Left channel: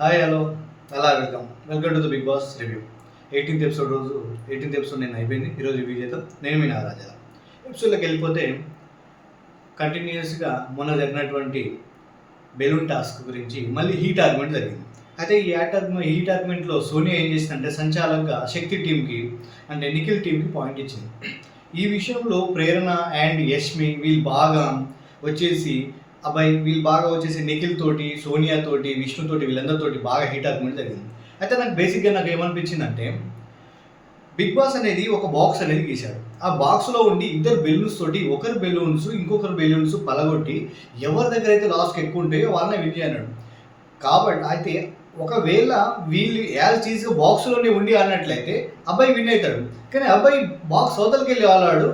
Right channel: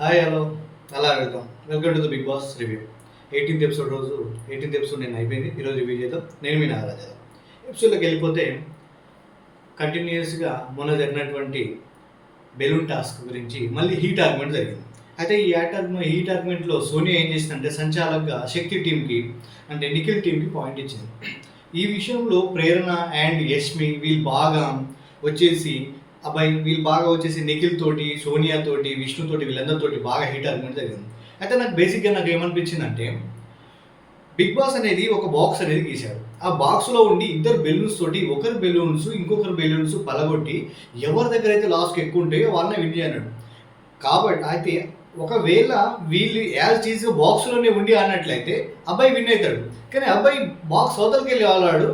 Hi hello అలా welcome to the Bigg Boss review. 18th episode నేను అయిపోయింది. ఈరోజు రివ్యూ చేద్దాం. నేను మీ నాగరాజ్. ఎపిసోడ్లోకి వెళ్ళిపోతే కంటిన్యూస్గా మొన్న జరిగినటువంటి బెలూన్ టాస్క్ గురించి మళ్ళీ హీట్ ఆర్గ్యుమెంట్ జరిగింది. అయితే హీట్ ఆర్గ్యుమెంట్లో సోనియా ఏం చేసిందంటే సంచాలకుగా శక్తి టీంకి అంటే నిఖిల్ టీంకి పాయింట్ ఇచ్చింది. ఈ విషయంలో ప్రేరణ అండ్ యష్మి వీళ్ళు బాగా వచ్చేసి నిఖిల్ తోటి, సోనియా తోటి, విష్ణు తోటి వీళ్ళందరితోటి బాగా హీట్ ఆర్గ్యుమెంట్ జరిగింది. అయితే నాకు ఏమనిపించిందంటే బిగ్ బాస్ అనేది ఒక బాక్స్ అనేది గీశాడు. ఆ బాక్స్లో ఉండి ఇద్దరు బెలూన్స్ తోటి ఒకరి బెలూన్స్ ఇంకొకరు బెలూన్స్ పలగొట్టి ఎవరి దగ్గర అయితే లాస్కి ఎక్కువ ఉంటాయో వాళ్ళని విన్ చేయన్నాడు. కాబట్టి అయితే ఒకవేళ వీళ్ళు యాజ్ చీజ్ బాక్స్లోనే ఉండి అన్నట్లయితే అబ్బాయి విన్ అవుతాడు. కానీ అబ్బాయి బాక్స్ అవతలకి వెళ్ళి వాళ్ళాడు,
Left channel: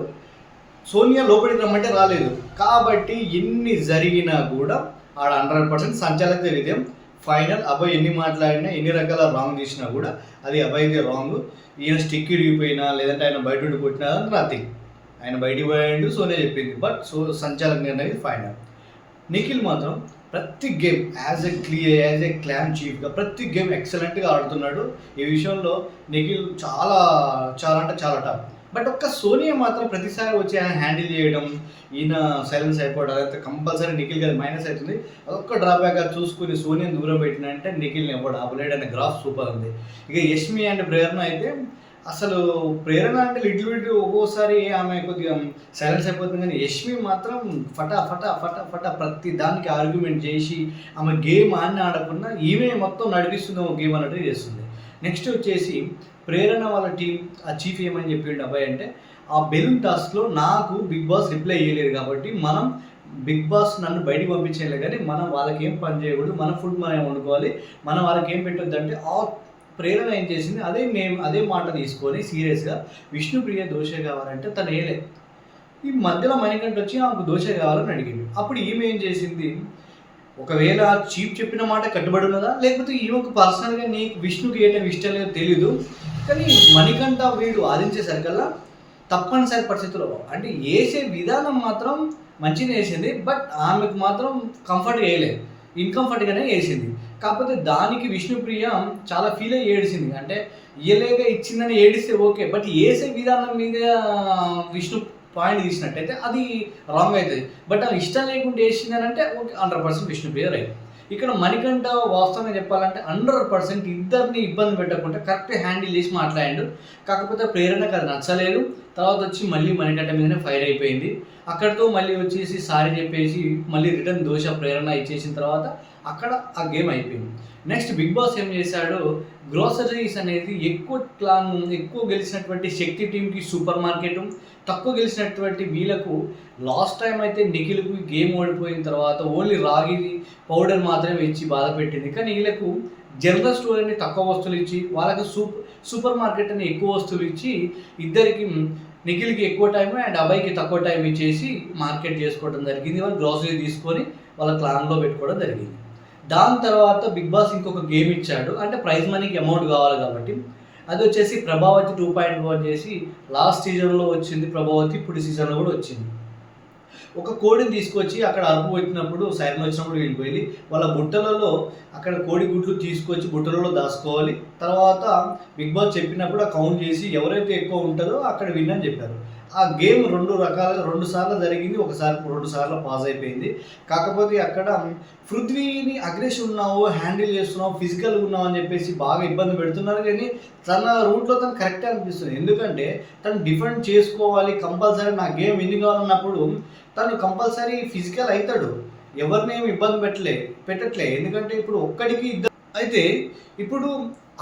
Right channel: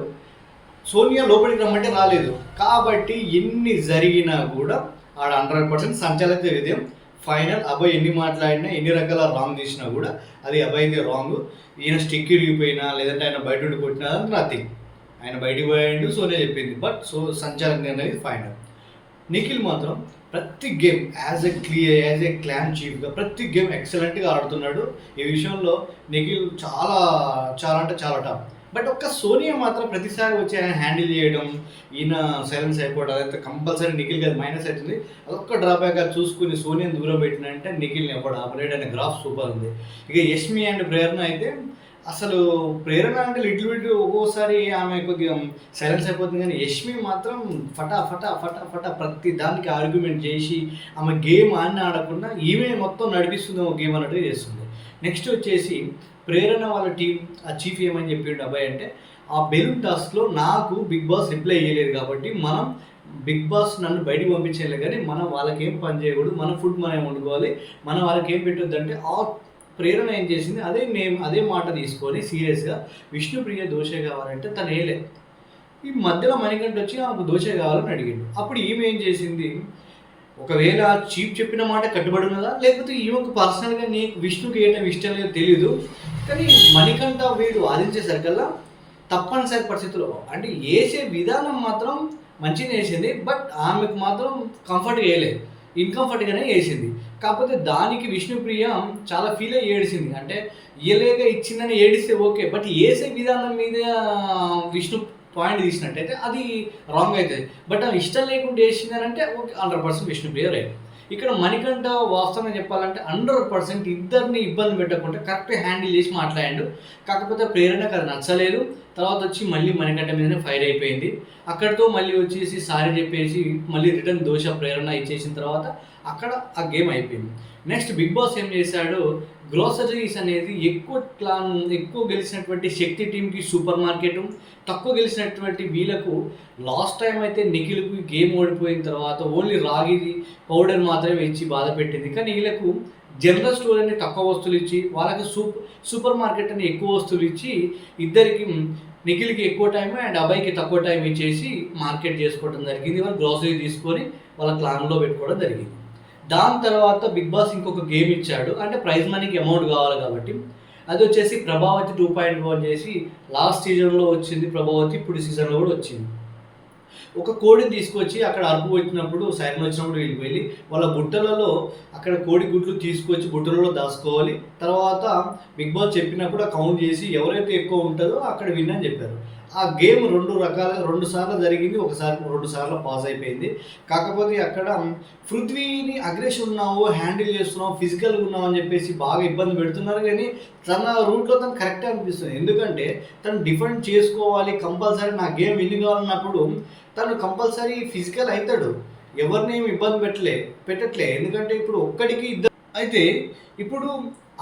సోనియా లోపలికి రమ్మంటే రాలేదు. కాబట్టి ఎన్ని జరిగినా కూడా ఆడ 100% సంచాలక విజయం. ఫైనల్ అబ్బాయి ఎన్ని మాట్లాడినా ఎన్ని రకాల రాంగ్ చేసినా కూడా అది అబ్బాయిది రాంగ్. ఈయన స్టిక్ ఇరిగిపోయినా లేదంటే ఆయన బయట ఉండి కొట్టినా నథింగ్. ఆయన బయటికి పోయాడు, సోనియా చెప్పింది. బట్ సంచాలక నిర్ణయం ఫైనల్. నిఖిల్ మాత్రం ప్రతి గేమ్ యాజ్ ఎ క్లాన్ చీఫ్గా ప్రతి గేమ్ ఎక్సలెంట్గా ఆడుతున్నాడు. ఈ విషయంలో నిఖిల్ చాలా చాలా అంటే చాలా టాప్. బట్ ఒక్క సోనియా మాత్రం ప్రతిసారి వచ్చి ఆయన హ్యాండిల్ చేయడం, ఈయన సైలెన్స్ అయిపోవడం అదంతా కంపల్సరీ నిఖిల్ గారి మైనస్ అవుతుంది. అదొక్క డ్రాబ్యాక్గా చూసుకుని సోనియాని దూరం పెట్టినంటే నిఖిల్ని ఎవడు ఆపలేడు అనే గ్రాఫ్ సూపర్ ఉంది. ఇక యష్మి అండ్ ప్రేరణ అయితే అసలు ప్రేరణ అంటే లిటిల్ బిట్ ఒక్కోసారి ఆమె కొద్దిగా సైలెన్స్ అయిపోతుంది, కానీ యష్మి మాత్రం ఫటా ఫటా ఫటా ఫటా ప్రతి దానికి ఆర్గ్యుమెంట్ చేసి ఆమె గేమ్ ఆడకుండా ఈమె మొత్తం నడిపిస్తుంది ఒక గేమ్ అన్నట్టు చేస్తుంది. నెక్స్ట్ వచ్చేసి ప్రేరణ వాళ్ళ టీం ఆ చీఫ్ ఏమని చెప్పిండు అబ్బాయి అంటే ఆ బెలూన్ టాస్క్లో నాకు బిగ్ బాస్ రిప్లై చేయలేదు కాబట్టి మనం బిగ్ బాస్ నన్ను బయటికి పంపించేయలేదు, కానీ మనం వాళ్ళకి ఏం పని చేయకూడదు, మన ఫుడ్ మనం వండుకోవాలి, మనం వాళ్ళకి ఏం పెట్టొద్దు అంటే ఆ ప్రేరణ ఏం చేసింది అదే మాట తీసుకొని సీరియస్గా విష్ణుప్రియ దోశ కావాలంటే తను వేయలే. ఈ మధ్యలో మణికంఠ వచ్చి ఆమెకు దోశ కావాలని అడిగింది. అప్పుడు ఈమె ఏం చేసింది, ఒకవేళ చీఫ్ చెప్పిన మాట కట్టుబడి ఉన్నదా లేకపోతే ఈమెకు పర్సనల్గా నీకు విష్ణుకి ఏమైనా ఇష్టం లేదో తెలియదు, కానీ మణికంఠ వీడు వాదించేసరికల్లా తప్పనిసరి పరిస్థితుల్లో అంటే వేసే విధానం మాత్రం మంచిగా వేసింది. బట్ ఆమెకు మాత్రం కంఫర్ట్గా వేయలేదు, ఇన్కంఫర్ట్గానే వేసింది. కాకపోతే దానికి విష్ణుప్రియ చాలా ఫీల్ అయ్యి ఏడిసింది. అంటే ఇయ్యలేక ఇచ్చిందని ఏడిస్తే ఓకే, బట్ వేసే విధానం మీద విష్ణు పాయింట్ తీసినట్టయితే అది రాంగ్ అవుతుంది. బట్ అది ఇష్టం లేకుండా వేసిందని అంటే ఓకే 100% విష్ణుప్రియ రైట్. ఇక్కడ మణికంఠ వాస్తవంగా చెప్పాలంటే 100% ఇద్దరిని ఇబ్బంది పెట్టకుండా కరెక్ట్గా హ్యాండిల్ చేసి మాట్లాడాడు. కాకపోతే ప్రేరణకు అది నచ్చలేదు. తర్వాత వచ్చి మళ్ళీ మణికంఠ మీదనే ఫైర్ అయిపోయింది. అక్కడితో మళ్ళీ వచ్చేసి సారీ చెప్పేసి మళ్ళీ రిటర్న్ దోష ప్రేరణ ఇచ్చేసిన తర్వాత అక్కడ ఆ గేమ్ అయిపోయింది. నెక్స్ట్ బిగ్ బాస్ ఏం చేశాడు, గ్రోసరీస్ అనేది ఎక్కువ గెలిచినటువంటి శక్తి టీంకి సూపర్ మార్కెట్, తక్కువ గెలిచినటువంటి వీళ్ళకు లాస్ట్ టైం అయితే నిఖిల్కు గేమ్ ఓడిపోయిన తర్వాత ఓన్లీ రాగి పౌడర్ మాత్రమే ఇచ్చి బాధ పెట్టింది. కానీ వీళ్ళకు జనరల్ స్టోర్ అని తక్కువ వస్తువులు ఇచ్చి వాళ్ళకి సూపర్ మార్కెట్ అని ఎక్కువ వస్తువులు ఇచ్చి ఇద్దరికి నిఖిల్కి ఎక్కువ టైం అండ్ అబ్బాయికి తక్కువ టైం ఇచ్చేసి మార్కెట్ చేసుకోవడం జరిగింది. వాళ్ళు గ్రోసరీ తీసుకొని వాళ్ళ క్లాన్లో పెట్టుకోవడం జరిగింది. దాని తర్వాత బిగ్ బాస్ ఇంకొక గేమ్ ఇచ్చాడు, అంటే ప్రైజ్ మనీకి అమౌంట్ కావాలి కాబట్టి అది వచ్చేసి ప్రభావతి 2.1 చేసి లాస్ట్ సీజన్లో వచ్చింది ప్రభావతి, ఇప్పుడు సీజన్లో కూడా వచ్చింది. ఒక కోడిని తీసుకొచ్చి అక్కడ అరుపు వచ్చినప్పుడు సైరన్ వచ్చినప్పుడు వీళ్ళు వెళ్ళి వాళ్ళ బుట్టలలో అక్కడ కోడి గుడ్లు తీసుకొచ్చి బుట్టలలో దాచుకోవాలి. తర్వాత బిగ్ బాస్ చెప్పినప్పుడు ఆ కౌంట్ చేసి ఎవరైతే ఎక్కువ ఉంటుందో అక్కడ విన్ అని చెప్పారు. ఆ గేమ్ 2 సార్లు జరిగింది, 2 సార్లు పాస్ అయిపోయింది. కాకపోతే అక్కడ పృథ్వీని అగ్రెషన్ ఉన్నావు, హ్యాండిల్ చేస్తున్నావు, ఫిజికల్గా ఉన్నావు అని చెప్పేసి బాగా ఇబ్బంది పెడుతున్నారు. కానీ తన రూట్లో తను కరెక్టే అనిపిస్తుంది. ఎందుకంటే తను డిఫెండ్ చేసుకోవాలి, కంపల్సరీ నా గేమ్ విన్ కావాలన్నప్పుడు తను కంపల్సరీ ఫిజికల్ అవుతాడు. ఎవరినేమి ఇబ్బంది పెట్టట్లే. ఎందుకంటే ఇప్పుడు ఒక్కడికి ఇద్దరు అయితే ఇప్పుడు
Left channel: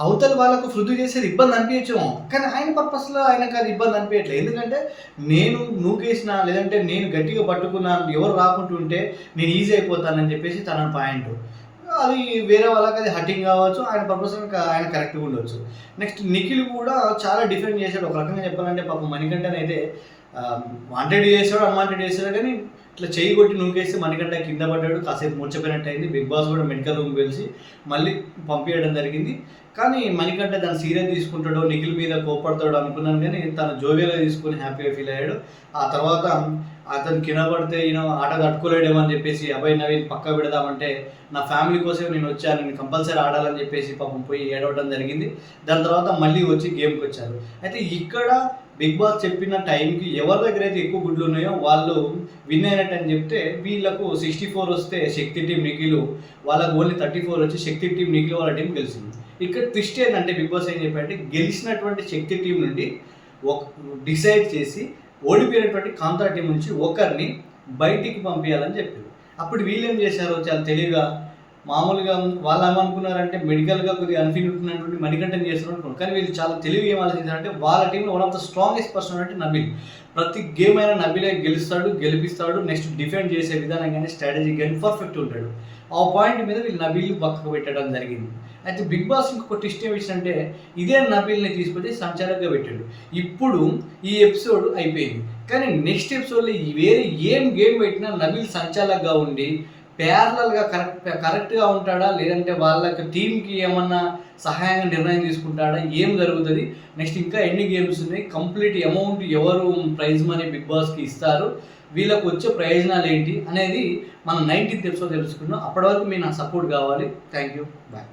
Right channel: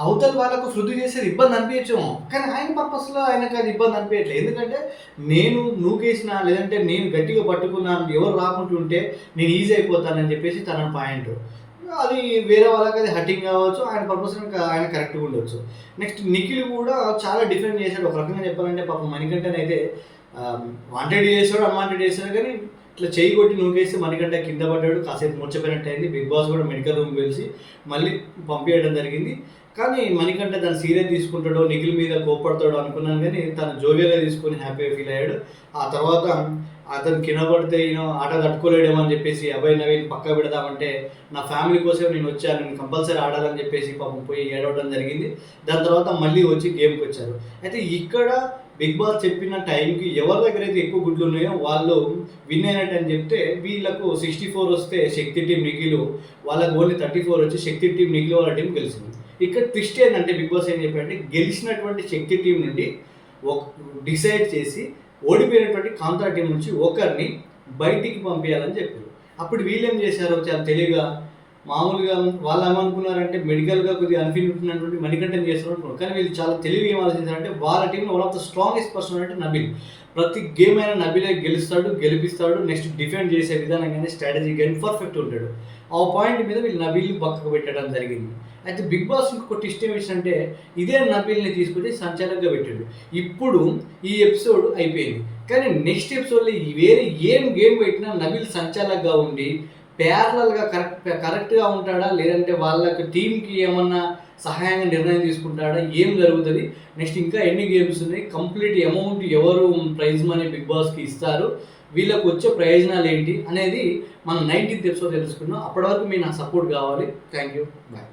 అవతల వాళ్ళకు పృథ్వీ చేసేది ఇబ్బంది అనిపించము, కానీ ఆయన పర్పస్లో ఆయనకు అది ఇబ్బంది అనిపించట్లేదు. ఎందుకంటే నేను నూకేసిన లేదంటే నేను గట్టిగా పట్టుకున్నాను, ఎవరు రాకుంటుంటే నేను ఈజీ అయిపోతానని చెప్పేసి తన పాయింట్. అది వేరే వాళ్ళకి అది హట్టింగ్ కావచ్చు, ఆయన పర్పస్ ఆయన కరెక్ట్గా ఉండొచ్చు. నెక్స్ట్ నిఖిల్ కూడా చాలా డిఫెండ్ చేశాడు. ఒక రకంగా చెప్పాలంటే పాపం మణికంఠనైతే వాంటెడ్ చేసాడు, అన్వాంటెడ్ చేశాడు, కానీ ఇట్లా చేయి కొట్టి నూకేస్తే మణికంఠ కింద పడ్డాడు, కాసేపు మూర్చపోయినట్టు అయింది. బిగ్ బాస్ కూడా మెడికల్ రూమ్ పిలిచి మళ్ళీ పంపించడం జరిగింది. కానీ మణికంఠ దాన్ని సీరియస్ తీసుకుంటాడో నిఖిల్ మీద కోప్పడతాడో అనుకున్నాను, కానీ తను జోవియల్గా తీసుకొని హ్యాపీగా ఫీల్ అయ్యాడు. ఆ తర్వాత అతను కింద పడితే ఈయన ఆట తట్టుకోలేడేమో అని చెప్పేసి అభయ్ నవీన్ పక్క పెడదామంటే నా ఫ్యామిలీ కోసం నేను వచ్చాను, నేను కంపల్సరీ ఆడాలని చెప్పేసి పాపం పోయి ఏడవడం జరిగింది. దాని తర్వాత మళ్ళీ వచ్చి గేమ్కి వచ్చారు. అయితే ఇక్కడ బిగ్ బాస్ చెప్పిన టైంకి ఎవరి దగ్గర అయితే ఎక్కువ గుడ్లు ఉన్నాయో వాళ్ళు విన్ అయినట్టు అని చెప్తే వీళ్ళకు 64 వస్తే శక్తి టీం నిఖిల్, వాళ్ళకు ఓన్లీ 34 వచ్చి శక్తి టీం నిఖిల్ వాళ్ళ టీం గెలిచింది. ఇక్కడ ట్విస్ట్ ఏంటంటే బిగ్ బాస్ ఏం చెప్పారంటే గెలిచినటువంటి శక్తి టీం నుండి డిసైడ్ చేసి ఓడిపోయినటువంటి కాంతా టీం నుంచి ఒకరిని బయటికి పంపించాలని చెప్పారు. అప్పుడు వీళ్ళు ఏం చేశారు, చాలా తెలివిగా మామూలుగా వాళ్ళు ఏమనుకున్నారంటే మెడికల్గా కొద్దిగా అన్ఫీల్ ఉంటున్నటువంటి మణికంఠన్ చేస్తున్నారు అనుకున్నారు. కానీ వీళ్ళు చాలా తెలివి ఏం ఆలోచించారంటే వాళ్ళ టీంలో one of the strongest person అంటే నబీల్. ప్రతి గేమ్ అయినా నబీలే గెలిపిస్తాడు, నెక్స్ట్ డిఫెండ్ చేసే విధానం కానీ స్ట్రాటజీ కానీ పర్ఫెక్ట్ ఉంటాడు. ఆ పాయింట్ మీద వీళ్ళు నబీల్ పక్కకు పెట్టడం జరిగింది. అయితే బిగ్ బాస్ ఇంకొక ట్విస్ట్ ఏం ఇచ్చిందంటే ఇదే నబీల్ని తీసుకొచ్చి సంచాలకుగా పెట్టాడు. ఇప్పుడు ఈ ఎపిసోడ్ అయిపోయింది, కానీ నెక్స్ట్ ఎపిసోడ్లో వేరే గేమ్ పెట్టినా నబీల్ సంచాలకుగా ఉండి ప్యారలల్గా కరెక్ట్గా ఉంటాడా, లేదంటే వాళ్ళకి టీంకి ఏమన్నా సహాయంగా నిర్ణయం తీసుకుంటాడా, ఏం జరుగుతుంది, నెక్స్ట్ ఇంకా ఎన్ని గేమ్స్ ఉన్నాయి, కంప్లీట్ అమౌంట్ ఎవరు ప్రైజ్ మనీ బిగ్ బాస్కి ఇస్తారు, వీళ్ళకు వచ్చే ప్రయోజనాలు ఏంటి అనేది మనం 19th ఎపిసోడ్ తెలుసుకున్నాం. అప్పటి వరకు మీ నాకు సపోర్ట్ కావాలి. Thank you, bye.